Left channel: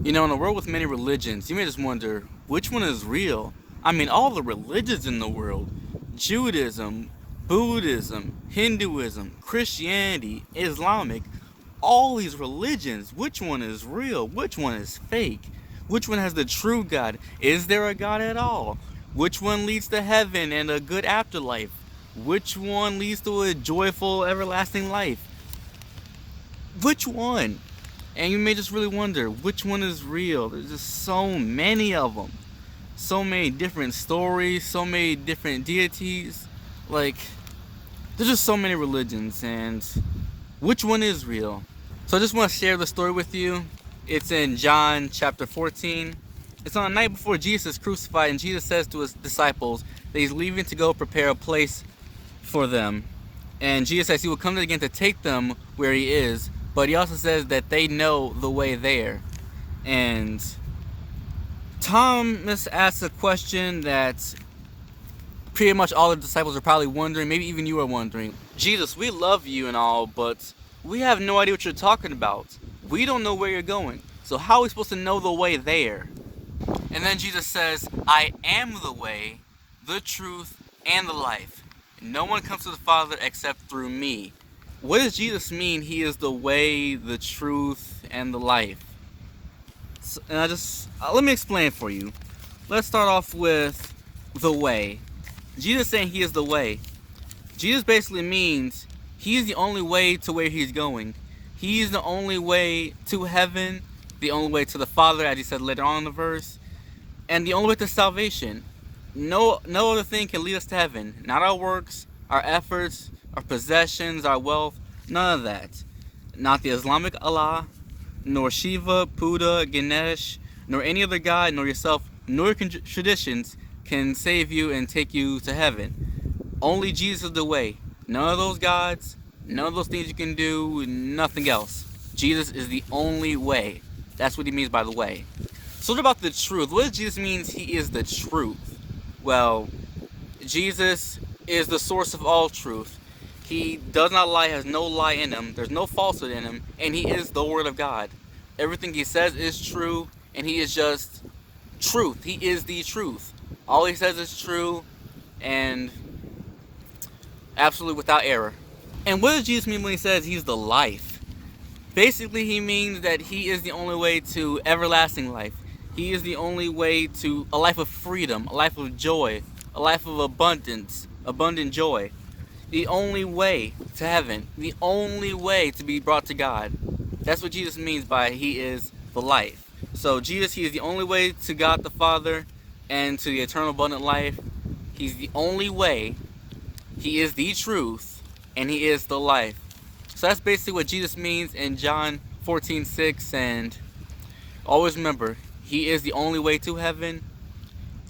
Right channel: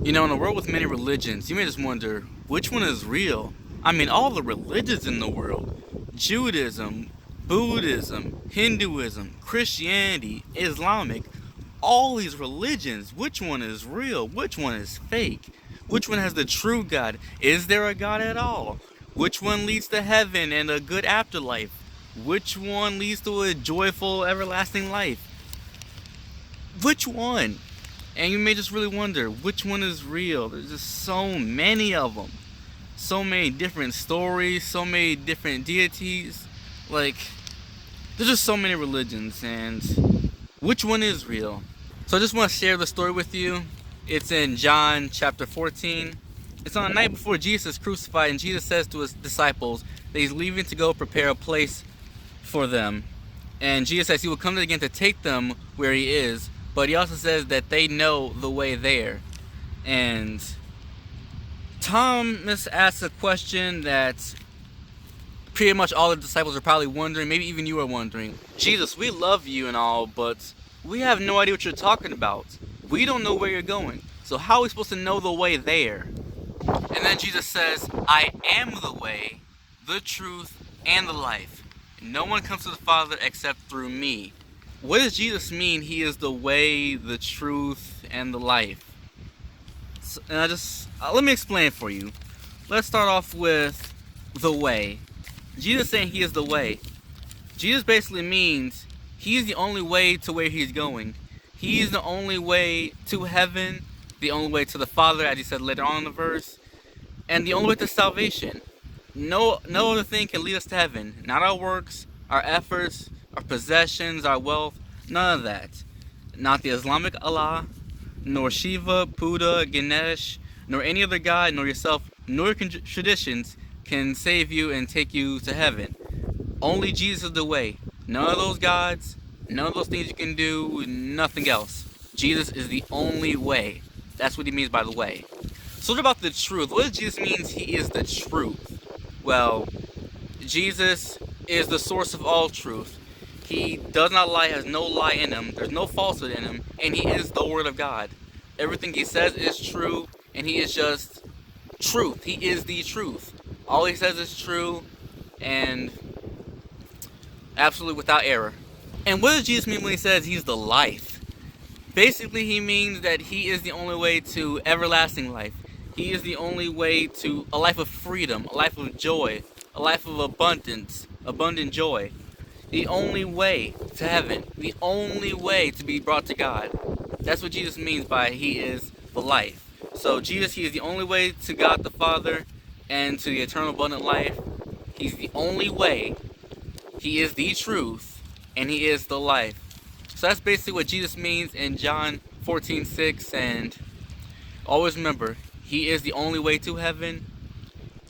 You know, in a world with many religions, you may just wonder which one is real. I mean, all the religions in the world, Judaism, Buddhism, Hinduism, Christianity, Islamic, all these religions, which one is real? Which one is fake? Which one has the true God? Is there a God at all? Which one leads to heaven and a good afterlife? Which one leads to a joyful, everlasting life? Which one? And you may just really wonder which one is real. There's just so many of them. So many different stories, so many different deities. Like, there's just so many religions, and which one is real? So I just want to share the story with you. It's in John chapter 14. It's on the night before Jesus is crucified, and Jesus says to his disciples that he's leaving to go prepare a place for them. And Jesus says he will come again to take them where he is, but he also says that they know the way there. And Thomas asks a question that pretty much all the disciples are probably wondering, maybe even you are wondering. Jesus, we love you and all, but we have no idea what you're talking about. We don't know where you're going. So how are we supposed to know the way there? And then Jesus says, I am the way, the truth, and the life. No one comes to the Father except through me. What does Jesus mean he is the way, the truth, and the life? So, and let me explain for you. Let's start off with the way. Jesus saying he is the way. Jesus basically means he's the only way to where he's going. He's the only way to heaven, the only way to the Father, as he said later on in the verse, and the only way to salvation. No other thing can lead us to heaven. Not our works, our efforts, our possessions, our wealth, none of that. Not the Islamic Allah, nor Shiva, Buddha, Ganesh, nor any other god, nor yourself, nor your traditions can save you and take you to heaven. Only Jesus is the way. None of those gods, none of those things you can do, nothing else. Jesus is the only way. That's what he means by the way. So what about the truth? What does Jesus mean he is the truth? Well, Jesus is the source of all truth. He does not lie, has no lie in him. There's no falsehood in him. And he is the Word of God. Everything he says is true, and he is just truth. He is the truth. All he says is true, and absolutely without error. And what does Jesus mean when he says he's the life? Basically, he means that he is the only way to everlasting life. He is the only way to a life of freedom, a life of joy, a life of abundance, abundant joy. The only way to heaven, the only way to be brought to God. That's what Jesus means by he is the life. So Jesus, he is the only way to God the Father and to the eternal abundant life. He's the only way. He is the truth, and he is the life. So that's basically what Jesus means in John 14:6. And always remember, he is the only way to heaven.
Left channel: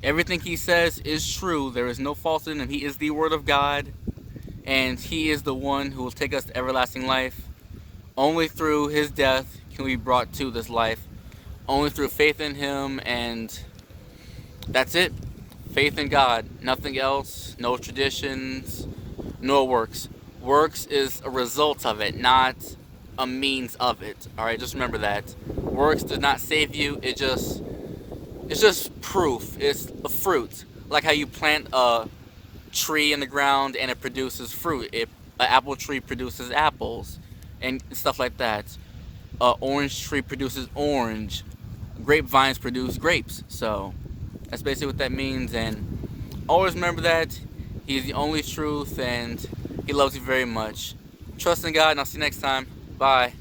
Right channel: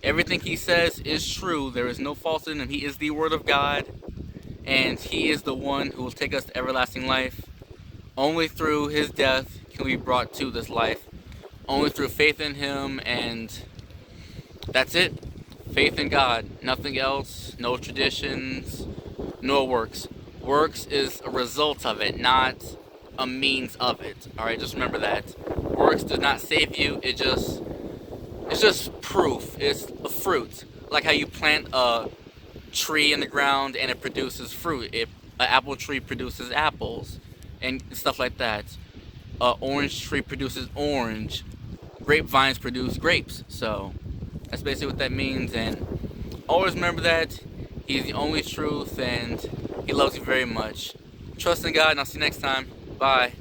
Everything he says is true. There is no falsehood in him. He is the Word of God, and he is the one who will take us to everlasting life. Only through his death can we be brought to this life. Only through faith in him, and that's it. Faith in God. Nothing else. No traditions. No works. Works is a result of it, not a means of it. Alright, just remember that. Works does not save you. It's just proof. It's a fruit. Like how you plant a tree in the ground and it produces fruit. An apple tree produces apples and stuff like that. An orange tree produces orange. Grapevines produce grapes. So that's basically what that means. And always remember that he's the only truth and he loves you very much. Trust in God, and I'll see you next time. Bye.